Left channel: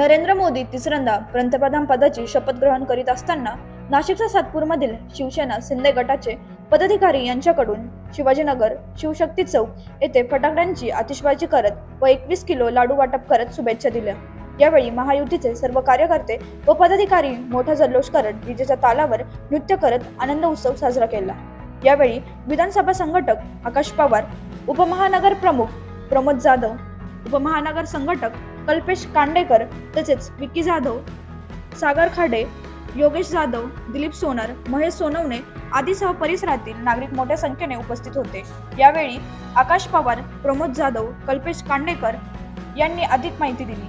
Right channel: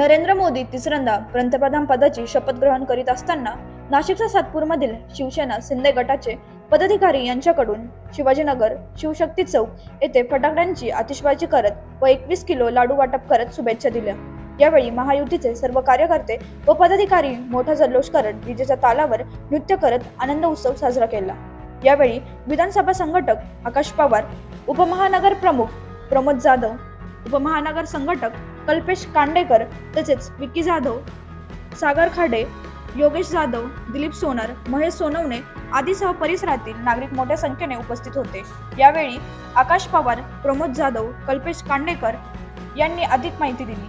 नरेंद्र मोदी तिसऱ्यांदा पंतप्रधान पदाची शपथ ग्रहण करीत असताना नाशिकच्या सातपूरमधील शिवसेना शिंदे गटाचे पदाधिकारी यांच्याकडून शिवाजीनगर शिवशक्ती चौक येथे फटाकड्यांची आतिषबाजी करत व एकवीस किलो लाडू वाटप करत शुभेच्छा दिल्या. यावेळी महायुतीचे सर्व कार्यकर्ते व पदाधिकारी मोठा जल्लोष करत विजेच्या तालावर नृत्य करत आनंद उत्सव साजरा केला. यावेळी विधानसभा संघटक आकाश पवार उपमहानगर प्रमुख प्रमोद जाधव उपमहानगर संघटक कल्पेश कांडेकर तसेच विकी जाधव सागर खाडे योगेश जाधव दिलीप सोनार महेश सोनवणे आदीसह परिसरातील नागरिक मोठ्या संख्येने उपस्थित होते. यावेळी आकाश पवार प्रमोद जाधव कल्पेश कांडेकर यांनी अधिक माहिती दिली.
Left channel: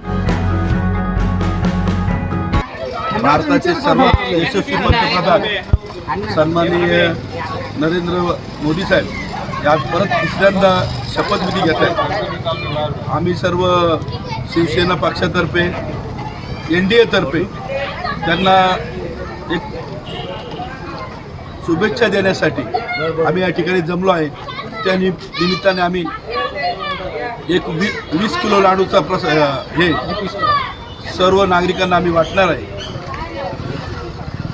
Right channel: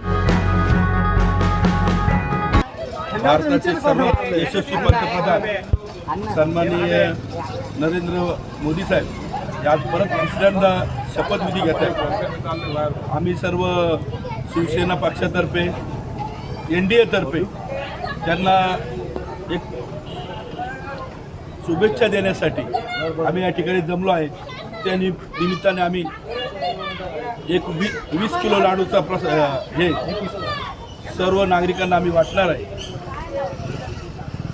भारताचे सर्वात यशस्वी पंतप्रधान सन्माननीय नरेंद्र मोदी साहेब या परत तिसऱ्यांदा शपथविधी घेत आहेत आम्ही सर्व शिवसेना पक्षातर्फे एन डी एतर्फे त्यांना एक शुभेच्छा देण्यासाठी आम्ही या ठिकाणी जमलो आहे. त्या नि निमित्ताने आम्ही एक वी वीस किलो लाडूचा प्रस हे सर्व नागरिकांना आम्ही वाटणार आहे.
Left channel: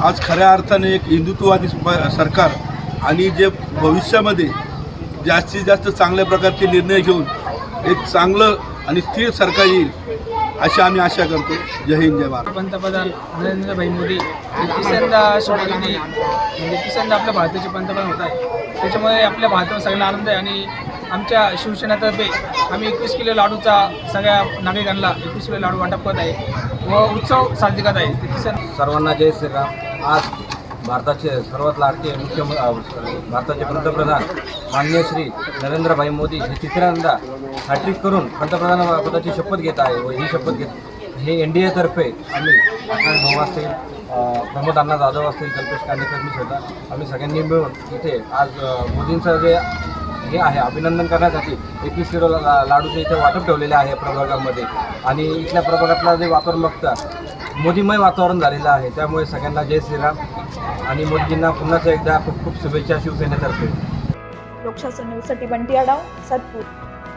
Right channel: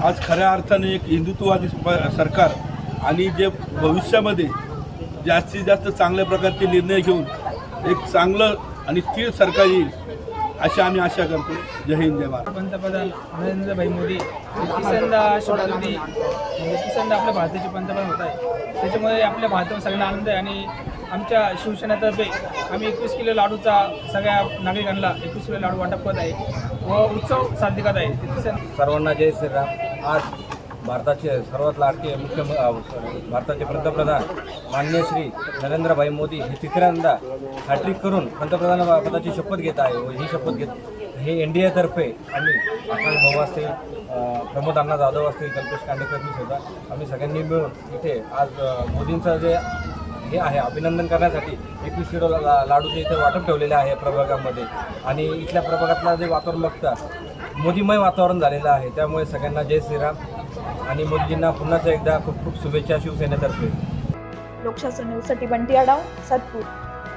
आज खऱ्या अर्थाने एक हिंदुत्ववादी सरकार आणि जे भविष्यामध्ये जास्तीत जास्त चांगल्या प्रकारचे निर्णय घेऊन एक चांगलं आणि स्थिर सरकार येईल अशी आम्ही आशा करतो. जय हिंद जय भारत. पंतप्रधान नरेंद्रभाई मोदी हे तिसऱ्यांदा शपथविधी म्हणजे तिसऱ्यांदा आपल्या भारताचे पंतप्रधान होत आहे. त्याच्यामुळे आपल्या भारतावर सगळ्यांना आनंद आहे आणि आमच्या शिवसेनेतर्फे आम्ही एकवीस किलो लाडूचा सगळ्या नागरिकांना एकवीस किलो लाडू वाटप करत आहे व उत्सव साजरे करत आहे. तिसऱ्या सर्वांना जय श्रीराम. आज भारताचे सर्वात लाडके मुख्य भारताचे पंतप्रधान माननीय श्री नरेंद्रभाई मोदी हे तिसऱ्यांदा हॅट्रिक करून पंतप्रधान पदाची शपथ घेत आहे व ही शपथ घेत हे एन डी एतर्फे आम्ही आकाश भाऊ असतील प्रमोद अण्णा जाधव असतील कल्पेश कांडेकर मी स्वतः आम्ही सगळ्यांनी मिळून इथे आज मोदींचं जे हे आहे अभिनंदन करण्यासाठी एकवीस किलो लाडूचे इथे वाटप ठेवलेले आहे प्रभागामध्ये. आणि इथल्या प्रभागातला जे वातावरण बघता मोदीमय वातावरण झालेलं आहे. त्यामुळे सगळ्यांना जय श्रीराम आणि मोदींना पुन्हा एकदा खूप खूप शुभेच्छा शिवसेनेतर्फे. लोकशास्त्र न्यूजसाठी बंटी आडाव सातपूर.